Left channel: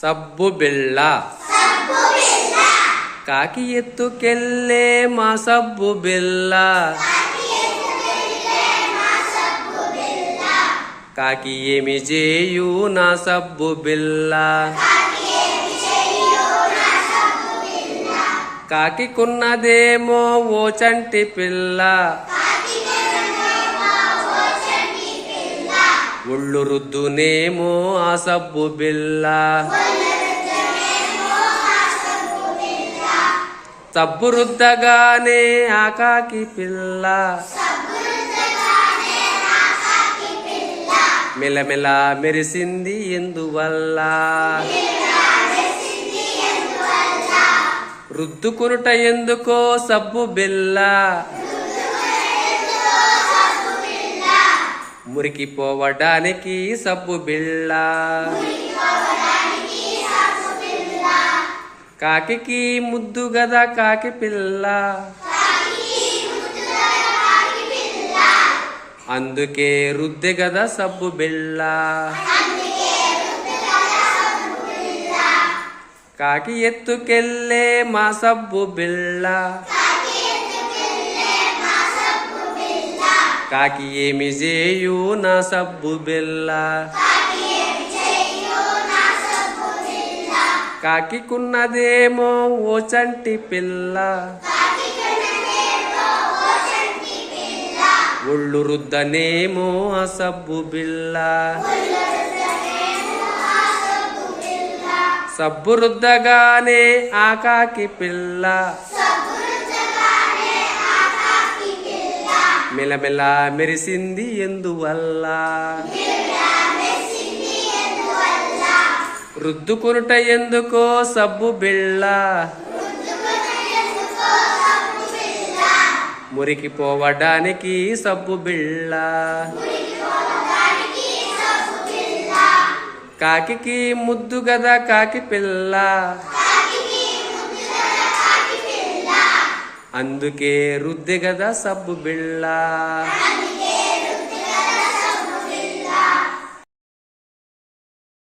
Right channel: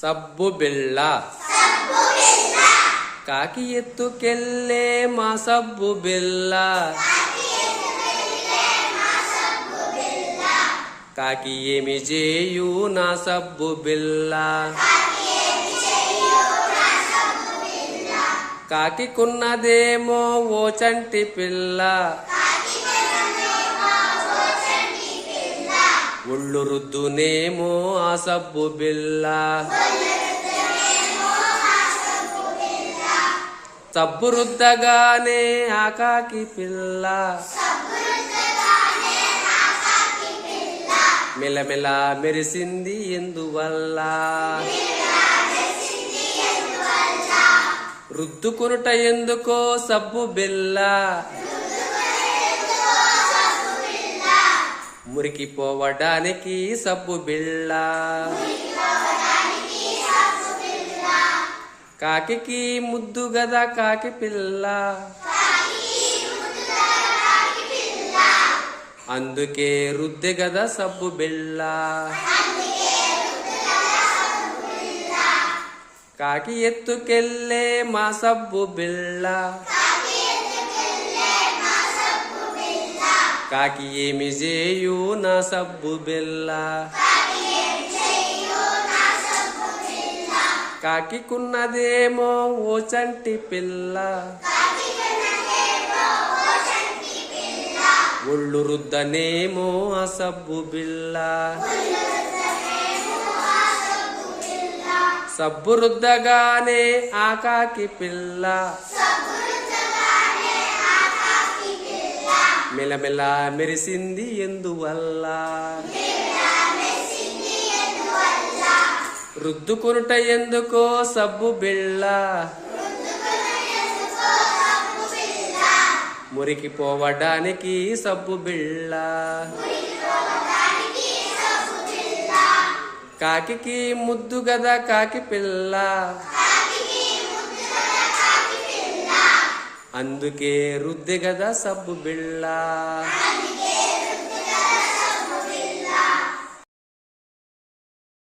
సబ్బు బిళ్ళ కాకి ఎత్తుకెళ్ళే మా సబ్బు బిళ్ళ. కాకి ఏమి చేయు నా సబ్బు బిళ్ళ. కాకికున్నదేమో ఓ చంటి పిల్ల. ఒళ్ళు రుద్దునేమో ఆ సబ్బు బిళ్ళ. సబ్బు రుద్దగానే ఆ కాకి పిల్ల మెలమెల మెరిసింది ఎందువల్ల. రుద్దుకునుట ఎందుకో సబ్బు బిళ్ళ. మురికిపోవడానికి సబ్బు బిళ్ళ. కాకి ముద్దు గదా కాకి పిల్ల. అందుకే రుద్దె గదా సబ్బు బిళ్ళ. కాకి ఎత్తుకెళ్ళే మా సబ్బు బిళ్ళ. కాకి ఏమి చేయు నా సబ్బు బిళ్ళ. కాకికున్నదేమో ఓ చంటి పిల్ల. ఒళ్ళు రుద్దనేమో ఆ సబ్బు బిళ్ళ. సబ్బు రుద్దగానే ఆ కాకి పిల్ల మెలమెల మెరిసింది ఎందువల్ల. రుద్దుకునుట ఎందుకో సబ్బు బిళ్ళ. మురికిపోవడానికి సబ్బు బిళ్ళ. కాకి ముద్దు గదా కాకి పిల్ల. అందుకే రుద్దె గదా సబ్బు బిళ్ళ.